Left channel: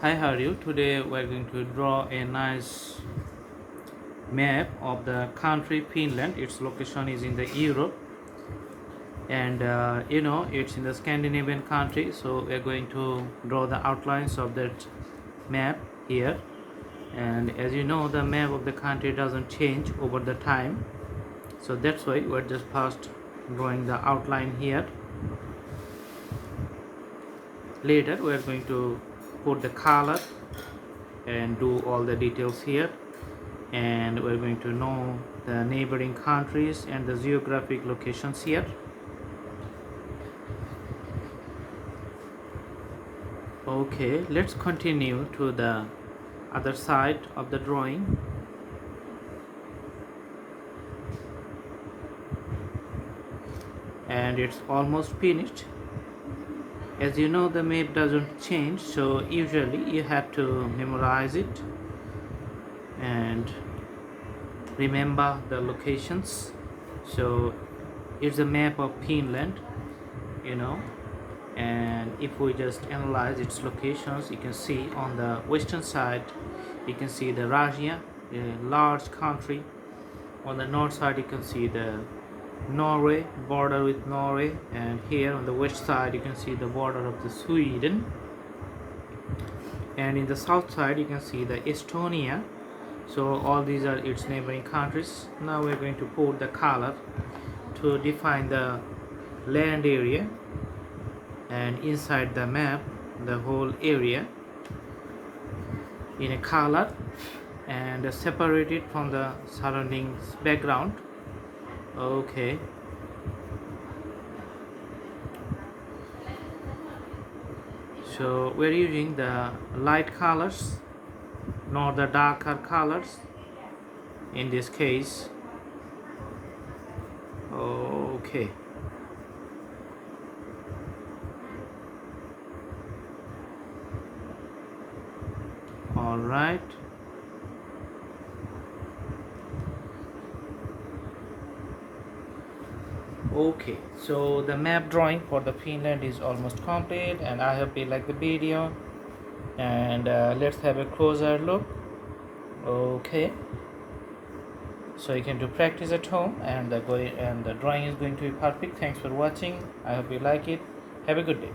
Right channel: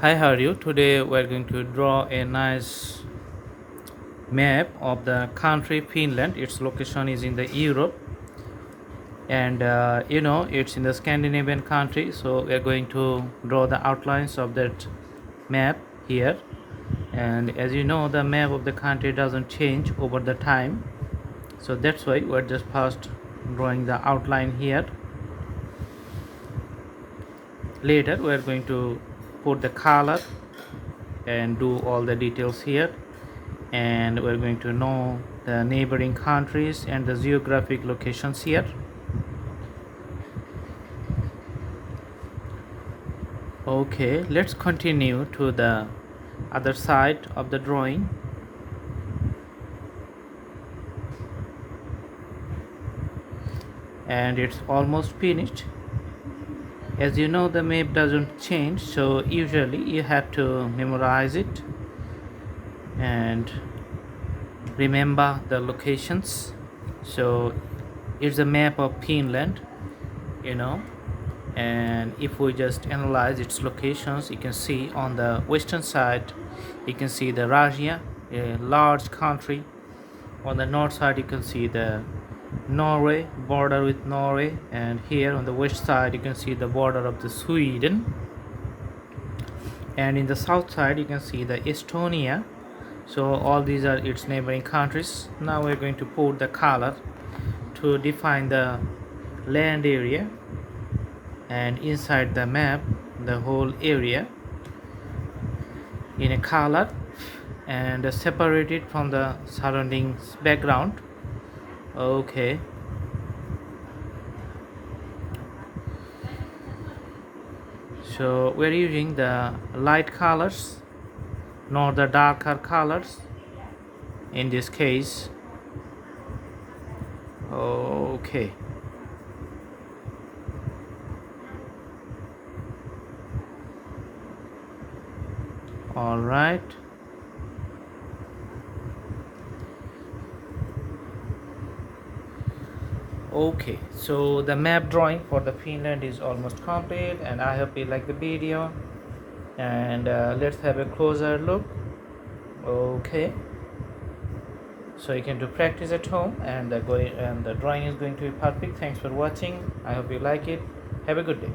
Hi, how are you? Today we're going to draw a nice map of the country Finland. Its location is in the Europe, and it's in the Scandinavian country. So we're going to draw the outlines of that map here. And as you know, the map of the country doesn't change over the time. So that's why we're just first drawing the outline here. Later, we're going to put the color and do all the details here, and we're going to know the neighboring countries and the geographic locations here. Okay, let's continue to the other side of the drawing. And it's almost finished. As you know, the map doesn't change, so usually you have to memorize it and remember the locations. So it's a map of Finland, you know and if we just analyze its locations, you can see on the western side you can see the Russia, a large country. On the north side you can see the Norway, border with Norway, and here on the west side you can see the border of the Sweden, and in the south side you can see the Estonia. So all these are its neighboring countries. Now we're going to put the color to define the land area, and inside the map the whole area in a color and separate it from the surroundings background. Okay, so we're using the light colors, not the darker colors in this case. Okay, all right. Okay, so the map drawing for the Finland is almost complete, and I hope you like the video. And let's have a closer look. Okay, so you can do practice at home, and the drawing is going to be perfect. Thanks for watching. I hope you like it. Have a good day.